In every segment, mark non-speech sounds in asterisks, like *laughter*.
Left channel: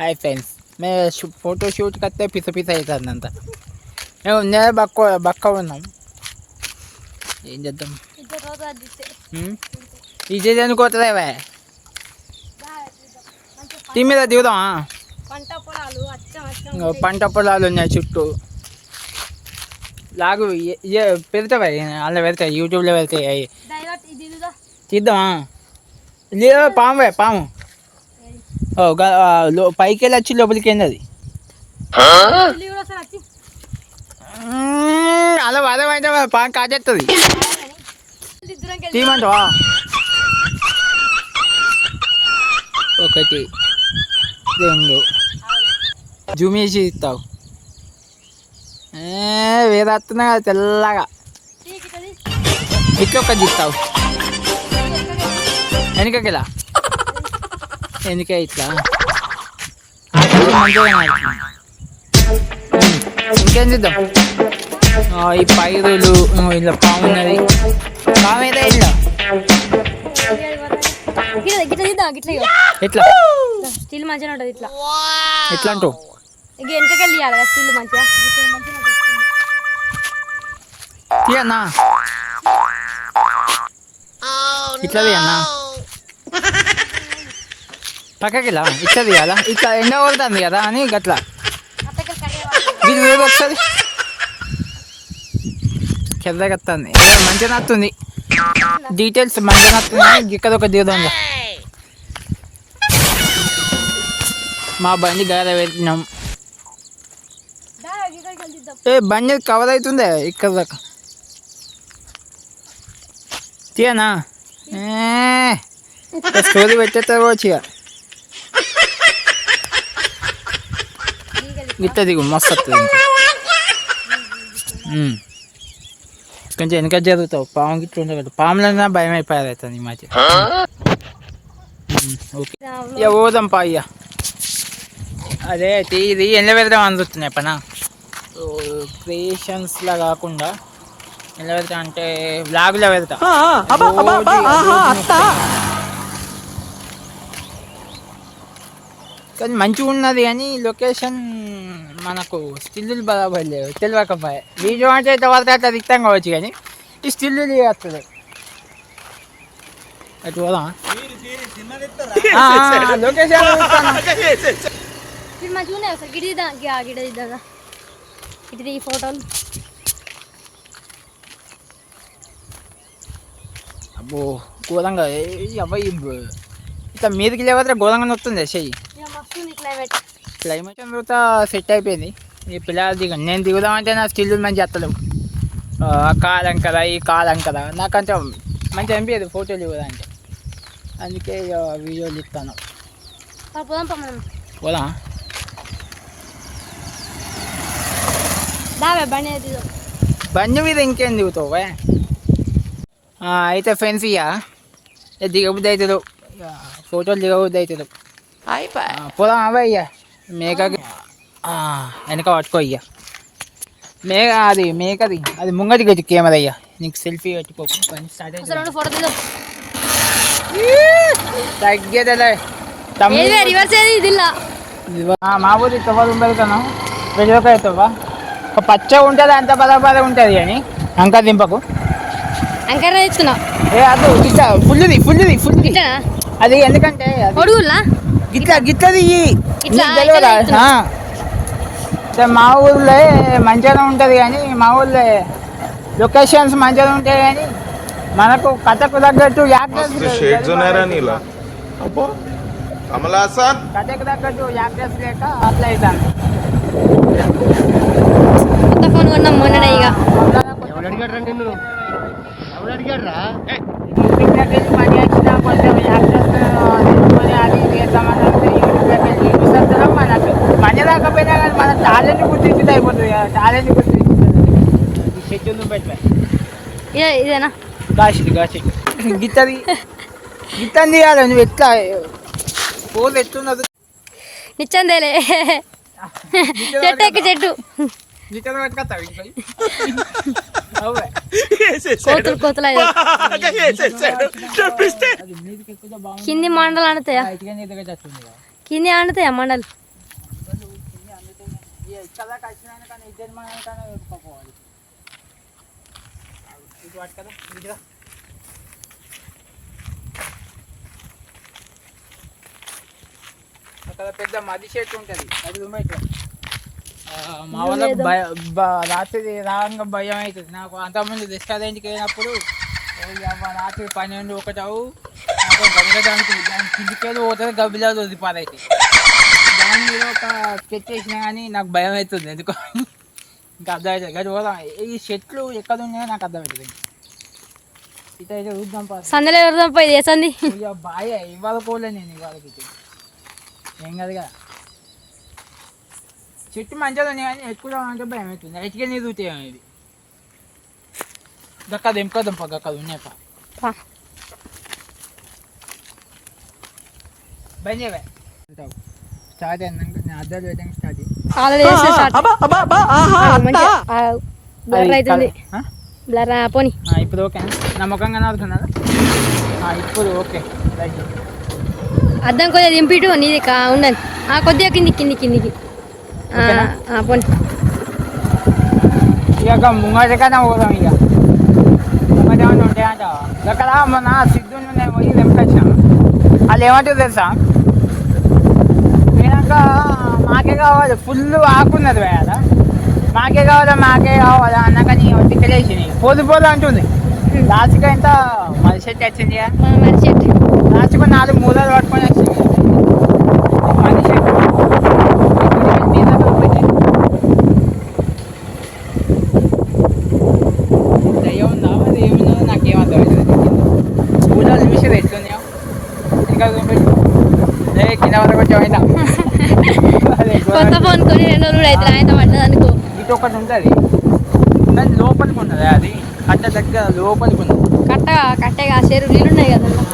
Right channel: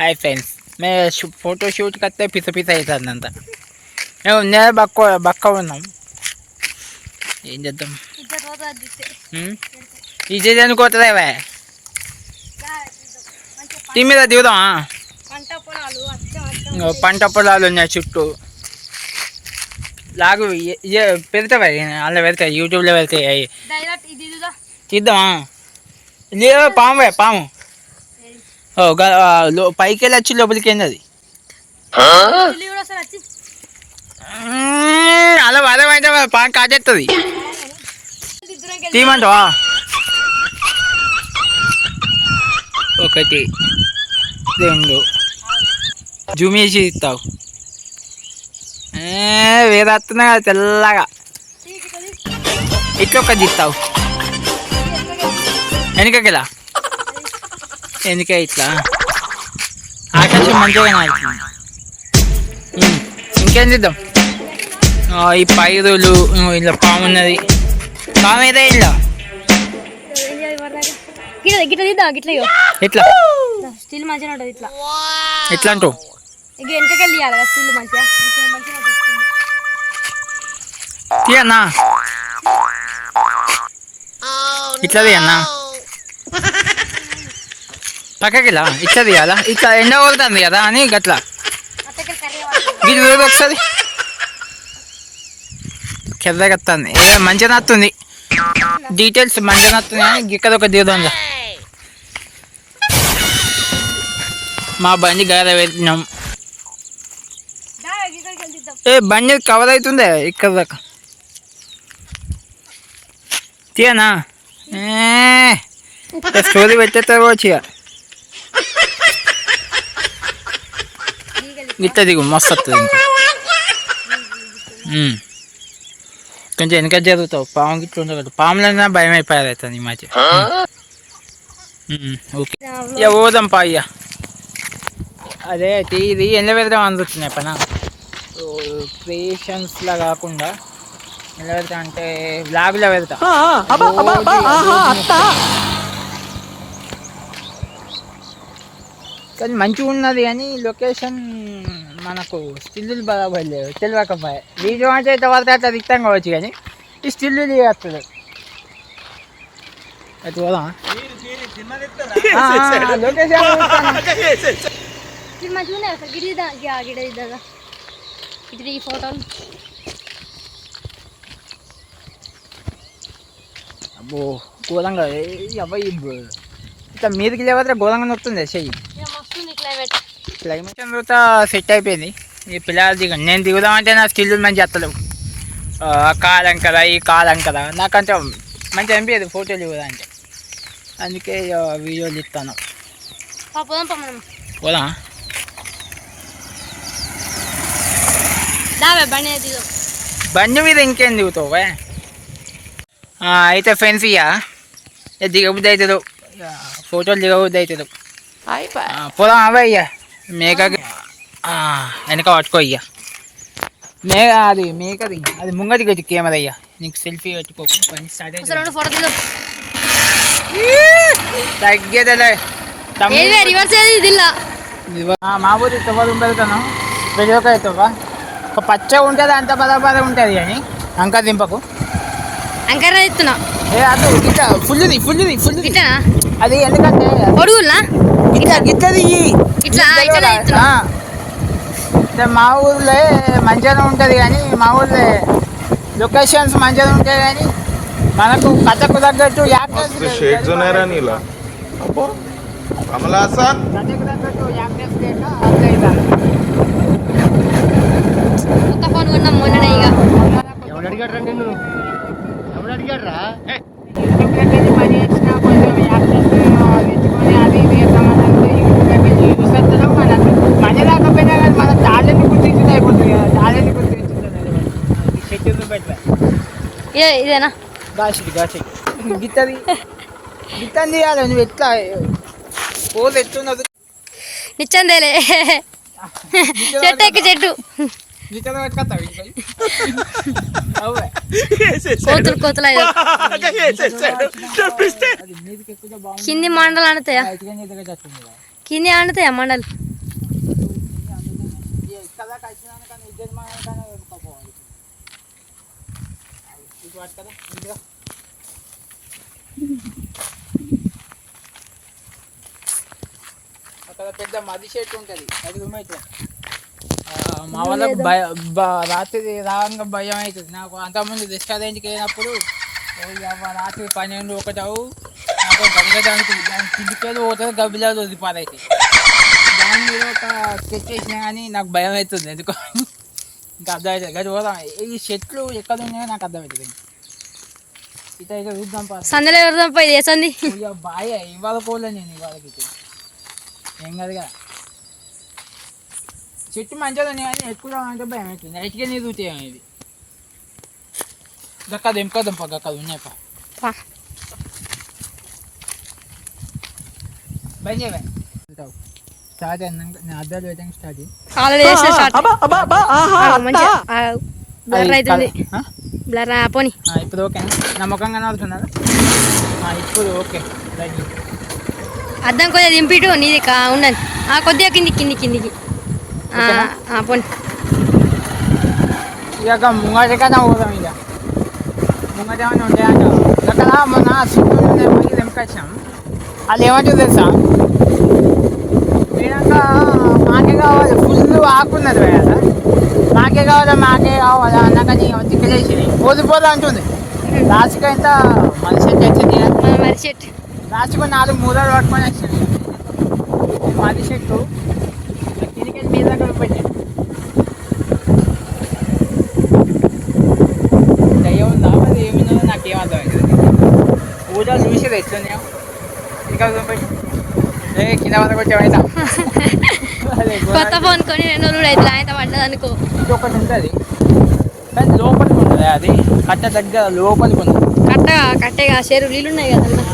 Hi friends మే photo షూట్కి వస్తే పిస పిస అవుతుంది అంత మేము నేను బక్క బక్క ఉన్నాం. ఏం చేద్దాం? ఉమ్? ఇది అనుకోతుందేవే టీ మీద దిగుదామా? పంట పొలాలు ఉన్నాయి చుట్టూ. లాగు పెడతావా? అలా పెడతాయి యూట్యూబ్లో పెడతాయి తీద్దామా లేదు పాము పాము. పైకి వెళ్ళి వచ్చి లోపలికి ఏంది అది అలా వరం అయితే పాము కాజేస్తుంది తీయమంటావా? ఒకటి రెండు. జూమ్ చేసి ఇస్తావు. వేరే వస్తున్నా కదా తెల్లగా. ఇట్లా ఒకటి ఇస్తావు వెనకకిలా వెనక ఇట్లా ఆకాశం మంచిగా. ఉమ్, ఇంకేం చేద్దాం? ఈ పైరులు ఇలా పాము ఉన్నది. పాము ఏదో ఇగో ఎట్లా? స్టిల్ మంచిగా ఉంటుంది ఇట్లా. ఎట్లా వెనకకెళ్ళి స్టిల్ మంచిగా. ఇట్లా. తీయన్నా? ఇట్లా తీయన్నా? పక్కకి ఇలా ఇట్లా తీయాలా ఇట్లా ఎండ కొడుతుంది కదా అని గట్లా అత్తకి ఇది వేరు ఒకసారి వస్తుంది మంచిగా నత్తుంది డీటెయిల్స్ మంచిగా నత్తుంది ఇక్కడ ఒక దిగుదాం మా బండి గద పెట్టినాం ఏ బండి కవర్ అవుతుందే ఇక్కడ దాకా తీయనా స్టోరీ పెట్టేస్తారు వచ్చి ఇక. దిగలి గిట్ట దిగు మస్తు వస్తుంది. కొంచెం వెనక జరుగుతావు పాము గిట్ల ఉండదు పాములన్నా భయం అయిపోయారు అవుతుంది ఈ మధ్య ఓకే ఇక పోదాం పా అదే ఇది ఎండ పెడదాం అందుతున్నాయి పన క్రియేషన్స్లా కాకుండా ఎండ పెడతా అంటే బ్లాగ్లో పెడతా కానీ మంచిగా ఉన్నది కానీ లొకేషన్ మనకు స్టిల్లు బరాబర్ లేవు తెలియకపోయా వీడియో అంటే తర్వాత అట్లా దిక్తాం కావచ్చు కానీ ఈ స్టిల్లు వస్తుంది అటు పోదాం అసలు. గిడి గిడ ఇద్దా ఈ ఫోటోలు. అబ్బో ఘోరంగా అబ్బాయి ఇట్లా మీదకి లేకపోతే ఘోరంగా నొస్తుంది చెయ్యి. క్లైమేట్ తర్వాత సెట్ అయిపోయింది. ఈ పిల్లలు దిగ నేను దిగుదామంటే నా స్కిల్ మంచి ఎత్తలేవు ఆ కాలం కదా ఈ కాలం కదా. నాకంటే మంచి అనిపించదు ఫోటోలు ఇవ్వదంటే అందుకే వీడియోలు ఇస్తాను పోదాం బండి దిగుదాం బండి మీద ఇంకేం దిగుతావు అయితే ఫ్రెండ్స్ ఇక ఇక దిగబుద్ధి అవుతుంది ఫోటోలు దిగబుద్ధి అవుతుంది పోదాం అవే ఇక మేకకి వెనక పట్టుకో ఇక మేక అది మేకది అది ముంగటి గట్టి కెమెరా అయ్యా. నీకు సెల్ఫీ పెట్టుకో పని తగ్గేదలే. రివర్స్ మా ఊరి తవ్వలు పెడతాను అవుతావా ఒక పచ్చ ఉంటుంది అంత పద పద ఉంటుంది అని. అంక దింపకు. అంకర ఇస్తున్నా ఏ అది గిట్ల ఫుల్ది ఫుల్ది ఇట్లనా? అది ఎందుకంటే గిట్లది ఇట్లా ఇట్లది మా ఊళ్ళో మంచిగానే ఉంటుంది కానీ మా ఊళ్ళో లొకేషన్స్ మంచిగా ఉంటాయి కానీ మనకు కథకు తగ్గట్టు షేడ్స్ ఉన్నాయరా నీలా. అబ్బో. కమలాసన్ కథకు తగ్గట్టు యాక్టర్స్ లేక కొత్త ఫోన్ కొన్నాం మొన్ననే ఇక ఎవడు అడిగాడు రా ఎవడు అడిగాడు రా? పని ఇదేనా? గాసి గాసి. గిత్తది. గిత్తని తీయాలి నువ్వు ఎట్లా? పోతే ఎట్లున్నది? నిచ్చందేలే చెట్టు ఎక్కి చెట్టు. కోతులు కోతులు కింది మండలు వచ్చేస్తుంది కదా కింది ఆడుతాయా మండలు? ఇటు వాటి కదా ఇటుగా. అక్కడ పెద్ద మది చెట్టు ఉంటుంది అది మా భయ రాత్రి రాగా భయం అవుతుంది. నాకు అంతకుముందు రెస్టారెంట్కి వెళ్ళినప్పుడు రాత్రి పన్నెండు ఒకటావు నాకు గంగడానికి దాని కిందికేదో పోతుంది వదిలిపారైతే దాని మీద ఒక స్కెచ్ చేసినా కానీ నాకు భయం అవుతుంది ఎందుకో ఇంకా అర్థమవుతుంది గది పోదాం. ఈ చెట్లు ఎక్కడ ఉన్నాయో నాకు అర్థమవుతుంది ఇట అయితే చూద్దాం పా. సందలో ఇక బాయ్ ఇవాళ పోలే నేను ఇవాళకి. ఏం కాదు కదా. చెట్టు మంచిగా ఉన్నాయి కానీ ఎక్కువ అంటే భయం అవుతుంది. నైట్గా నీరు ఊతాయి ఇవి గక్క దింప దింప గక్క ఉన్నాయి పా. పా. బంద్ చేయవే స్టార్ట్ అన్నాక నేను అద్దాలు పెట్టడానికి స్టార్ట్ బ్లర్ అవుతుంది. ఆ? బ్లర్ పోని. ఆ, ఇప్పుడు ఓకే. నా ముఖం కనబడుతున్నదా ఆ, ఇప్పుడు ఓకే. రైట్ అద్దం కొద్దిగా దింపిటు నీది కా ఆ కొద్దిగా కింది కింది కిందికి. పోని. ఇక ముంగటకన్నా పోదాం ఇక. ముంగటేమన్నా ఉంటాయంట అక్కడ మొన్న సిట్టు నేను పోయి తెంపొచ్చాను. అది ఏమంటుంది తెలుసా? మాకే కావాలి ఫుల్ ఆకున్నది వేయాల మాకే కావాలా మాకే కావాలా అన్నాక నీ తిక్కలేసి పోదు పోదు అంటుంది. లాస్ట్కి ఎంత? మనిషికి వచ్చింది. మన మరి చెట్టు లాస్ట్కి నాలుగు మూలలు పట్టుకొని వచ్చింది. మనిషి ఇంకా కింద వరకు వచ్చామైతే *laughs* కొత్త ఫోన్ కొని రెండు రోజులు అయితే ఆయన పడ్డది అనుకో. ఇటు ఒకటి ఉంటుంది. దాని లోపలికి ఉంటుంది అది? కట్ట దగ్గర లోపలికి ఉంది కట్ట కట్టేగా చెరువు నీళ్ళు ఉన్నాయి కదన్నా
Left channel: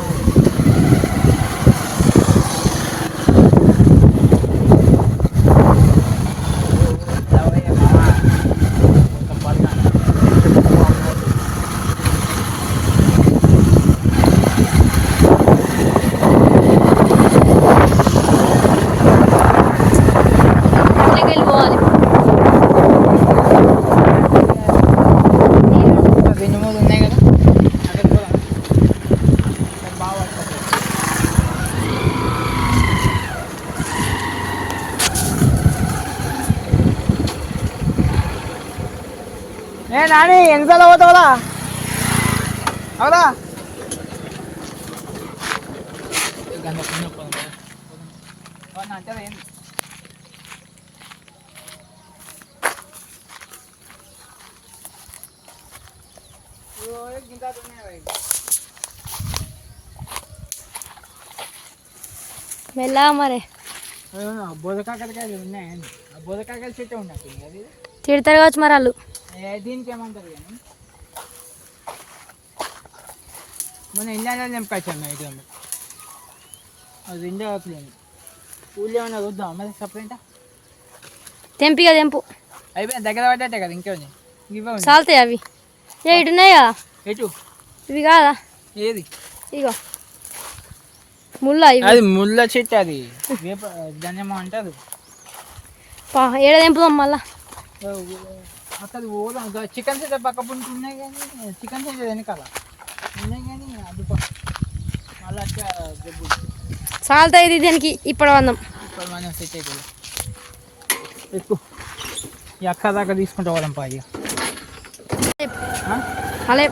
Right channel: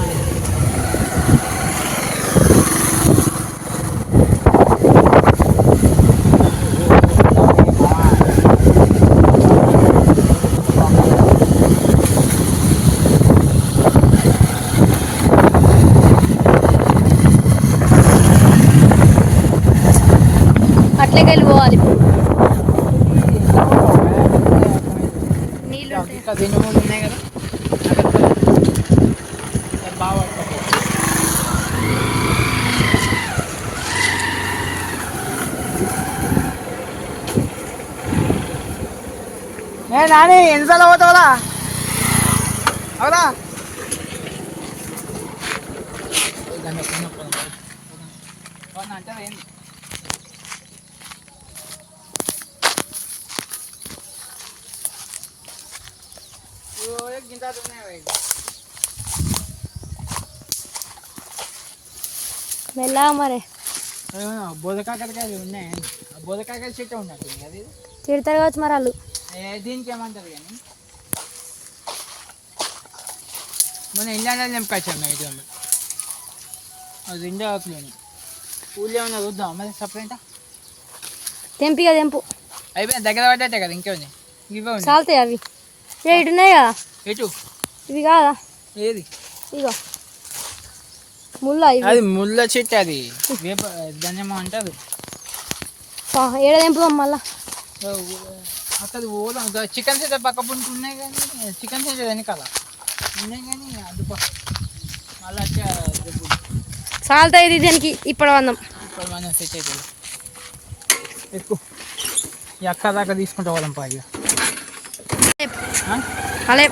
అట్లకి వెళ్ళిపోవాలి నీళ్ళు ఉన్నాయి దీని మీద ఉన్నాయి కదా అది బాగా పట్టుకోవాలి. నాని ఎన్నిసార్లు పోతావురా అవునా అంటే గింత ఉన్నాయి మెల్లగా మరి బోధకాకరకాయలు ఉన్నాయి. ఆ బోధకాకర చెట్టు ఉన్నట్టు అది తిడతారు కావచ్చు మరి వాళ్ళు. దీనికి ఏమంటారు కానీ? మన ఇండియాలో నింపచ్చాను మేము ఇది అది ఇండియా ఆకులేని ఊళ్ళో ఏమన్నా చూద్దాం మరి సపరేట్ తెంపిగా తెంపు అయిపోయింది దగ్గర పడ్డట్టే కదా ఇంకేముంది? ఇవే ఉంది చాలుతాయి అవి. ఏ ఇటు ఉన్నాయి కదా? ఎటు ఇవి కాదా? ఏది? ఇగో. ముళ్ళ అది ముళ్ళ చెట్టు అది. వేప దాన్ని ఏమో అంటారు ఏడ తెంపుదాం మళ్ళా? ఓ, అక్కడ పోదాం. చికెన్ సెంటర్ పక్క పుంటి ఉన్నాయి కానీ చికెన్ సెంటర్ వెనకాల. ఉన్నాయి కానీ అది మళ్ళీ. చాలుతాయి ఇది దీనికి ఇప్పుడు వందం ఇప్పుడు మనం సెట్ అవుతుంది ఎక్కువ ఈ అక్క దాకా తీసుకుంటూ పాయి అలే.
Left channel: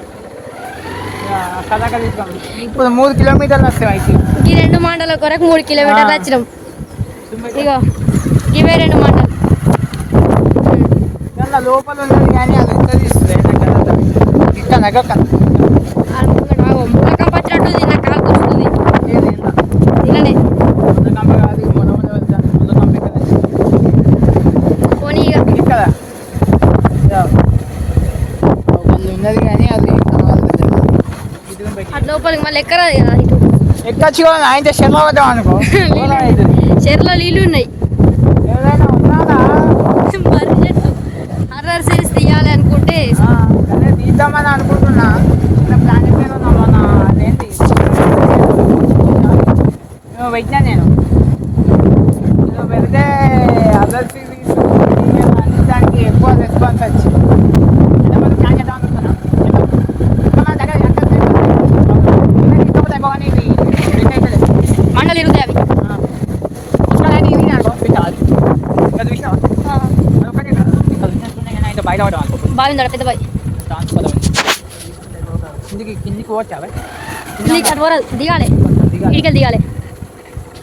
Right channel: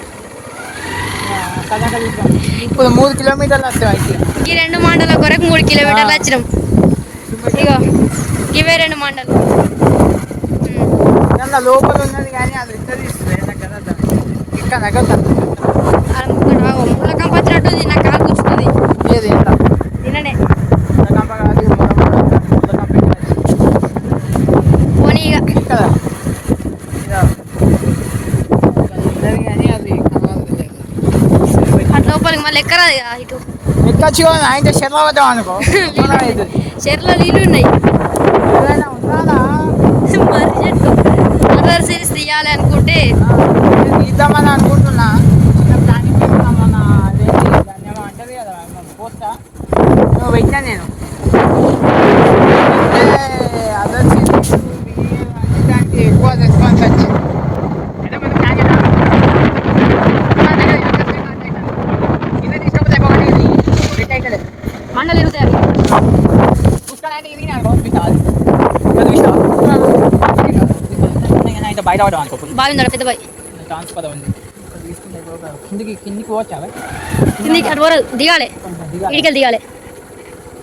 అక్క దాకా తీసుకుంటాం ఇప్పుడు మూడు కిలోమీటర్లు వస్తాయి అయితే ఈ రెండు మండల కొరకు మూడు కిలోమీటర్లు వచ్చినాం. ఇగో ఇవే రెండు మండలు. దాంట్లో లోపల ఉన్నది కానీ అది ఎంత తీస్తుంది ఇక్కడ దగ్గర ముళ్ళకం పచ్చినట్టు నా కాలు కూర్చుంది ఏది? ఇంకా కాదు. పోనీ ఇక. కదా? ఉన్నది కానీ అది అటు లోపలికి మళ్ళీ ఎక్కరాదు ఇక ఇటు. ఎక్కచ్చు ఆయన శర్మ వద్దాం అనుకో. *laughs* చెరులో నీళ్ళు ఉన్నాయి. ఏదైనా ఉన్నారా మర్రి చెట్టు. మర్రర్ సిరీస్ తీయాలి అనుకుంటే నేను తీద్దామని అనుకుంటున్నా చిన్న ప్లాన్ మీద ఉన్నా మన అదేంటి నువ్వు పెట్టినా నేను అంటే అదే వచ్చి అంటే మనం ప్లాన్ చేద్దాం కింద తీసుకపోతే బాగుంది ఇది ఫిట్ అవుతుంది మండలు ఇరుగుతాయి అవి ఇక్కడ అయితే ఇది నాకు పెట్టాలి ఇక్కడ ఇష్టం అయితే బయట ఉందా పెద్ద పదవి కిందికి అటు పోరాదు దిగాలి. దిగాలి. ఇడికెళ్ళి దిగాలి.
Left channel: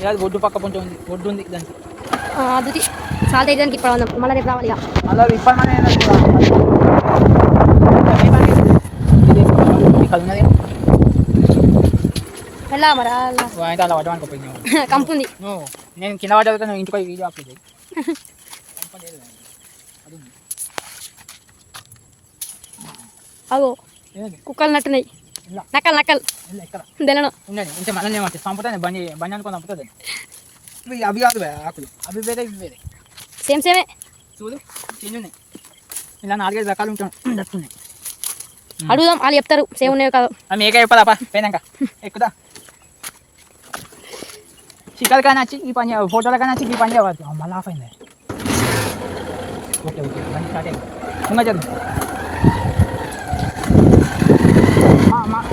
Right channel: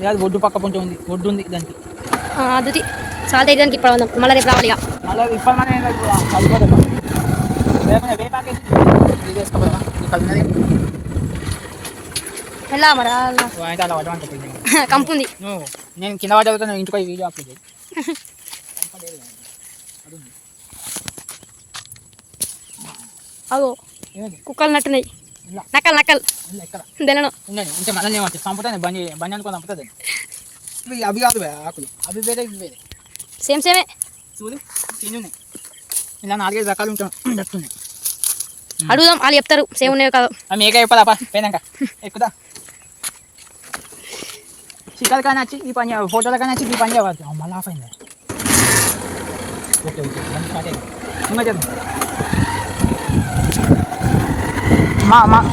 లేదు ఒడ్డు పక్క ఉంది ఒడ్డు ఉంది దానికి. సాల్ట్ అయితే దానికి ఇప్పుడు ఉందాం మళ్ళీ రేపు రావాలి ఇక. అలా విప్పమని వెళ్ళా మరి ఆ, అలా పడమంటే కంపు ఉంది నేను కింద పడ్డా ఇంటికి వీడియో అప్లోడ్ *laughs* అగో? కుక్కలు నట్టున్నాయి. నక్కలు నక్కలు తెలను ఉంటే మళ్ళీ ఏమంటే చంపుతాను బండి బండి అనుకుని చంపుతుంది ఇవి అవి కాదు ఆకులు. అవి వేరే ఇవి వేరే. సేమ్ సేమే. చూడు చిన్న ఉన్నాయి. ఇలా నాలుగైదు రకాలు ఉంటాయి. ఉన్నాయి అడుగుదాం వాళ్ళు చెప్తారు. సేమ్ ఉన్నాయో కాదు. పా. పోయినాక. ఎక్కుదా? చిక్కలు కానీ వచ్చి ఈ పని ఫోటోలు కానీ వచ్చి ఈ పని చేయవచ్చు మళ్ళీ ఆఫ్ అయింది. Okay okay. బండి స్టార్ట్ అయింది. ఇంకా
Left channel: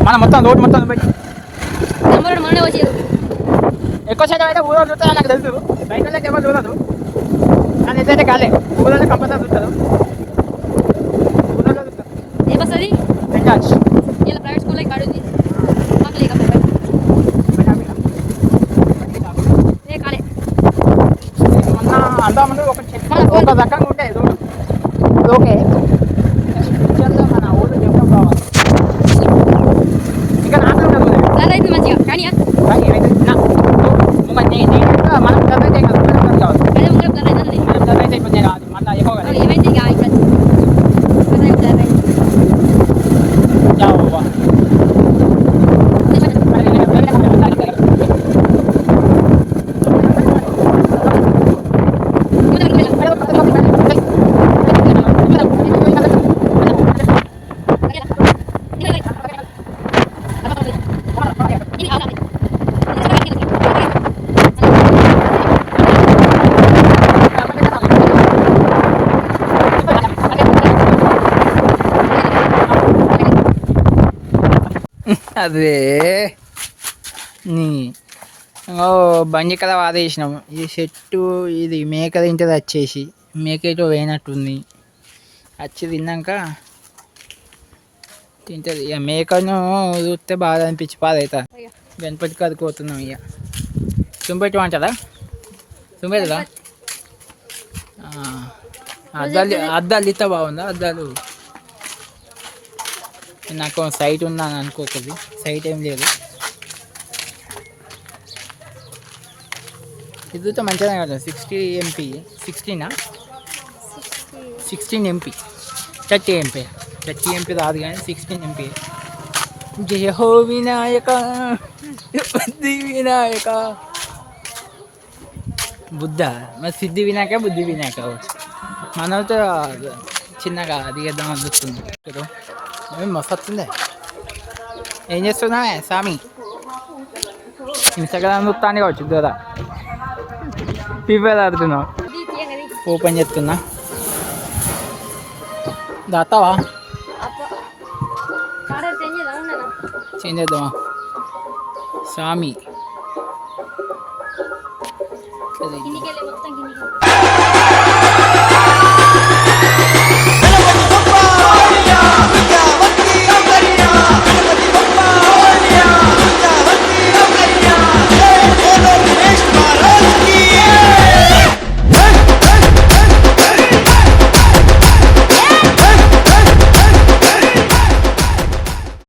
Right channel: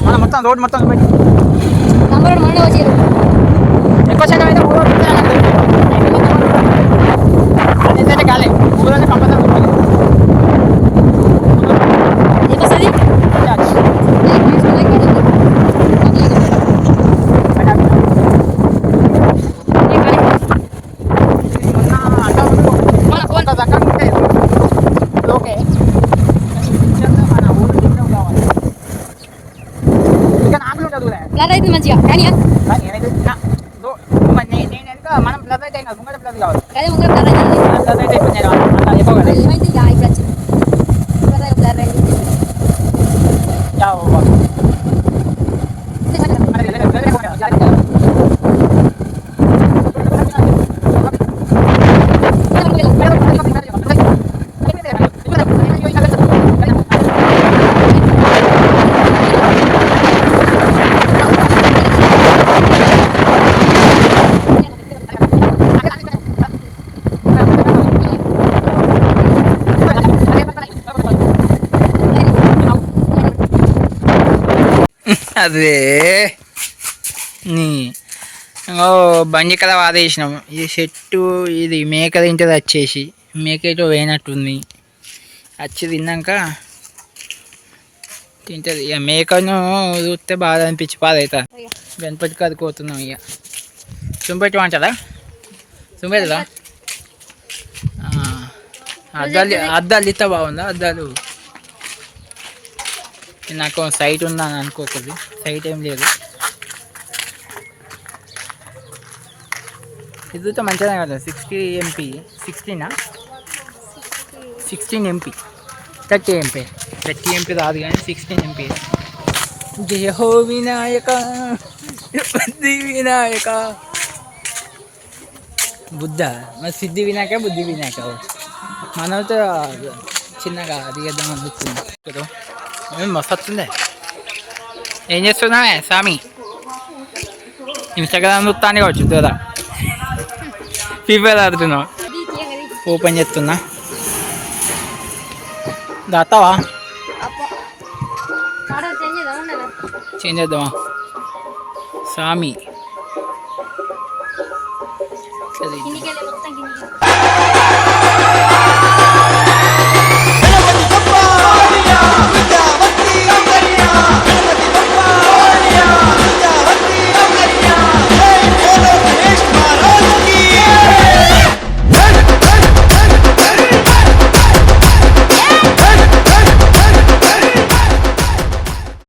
మన మొత్తం రోడ్ మొత్తం పెట్టి నెంబర్ మొన్న వచ్చారు ఎక్కువ శాతం అయితే ఊరో పెడతాను నాకు తెలుసు. అయితే ఎవరు ఊరో అయితే కాలే. ఊరోనే కంపల్సరీ ఊరో ఏ బస్ అది చార్జ్ ఏ పాయింట్స్ వల్ల ఇక్కడ అడుగుతుంది. పక్కలే కదా. ఏ కాలే. మన ఫోన్ దక్కన ఉంటే ఓకే మన ఊరు చెప్తాం కావాలి ఇక నాకు ఉండదు కూడా. ప్లాన్ అయితే మంచిగా కానీ కానీ అయితే నా నువ్వు మరి నే- నేను ఇంకా మనం చదివితే కాదు మనం చదివి కావాలి అదే ముంగర ప్లాన్ అయితే మనం చదివితే ఇప్పుడు నేను అంత ఎక్కువ కదా ఏమైంది ఇక ఇక్కడ వచ్చి ప్లాన్ అయితే ప్లాన్ అయింది. జావు బాబా. అదే. నీ ఓ బండి కదా వాదేసినాం ఈ చెట్టు ఇది మేక తింటది వచ్చేసి. మేకతో ఎటో పోయినట్టుంది. వచ్చి తిన్నాక తింటది. ఇక మేకను చూస్తే బాగా అనిపించి పాదవుతా గణపతికి అది కోతున్నాం ఇక. సుంపెట్టు అంటారా చుంపెట్టదా అద్దాలు అద్దాలు ఇస్తా బాగుందా? అద్దాలు. నాకు సైట్ ఉందని అనుకోకూడదు. సైట్ ఏం లేదు. ఇదితో మంచిగా కదా sixty MP సిక్స్టీనా sixteen MP thirty MP thirty MP రాదు కానీ సిక్స్టీన్ ఎంపీ జయ హో వినాయక బుద్ధి వినాయక. బుద్ధ మరి సిద్ధి వినాయక బుద్ధి వినాయక మనతో చిన్నగా దిగేద్దాం అందుతుంది కదా ఏం మస్తు వస్తుంది. ఏం చేస్తున్నావే స్వామి ఇన్స్టాగ్రామ్ చూస్తాను కావచ్చు దూర ఫీఫర్ ఆడుతున్నావు ఓపెన్ చేస్తున్నా దాతావా చేంజ్ చేంజ్ చేద్దామా స్వామి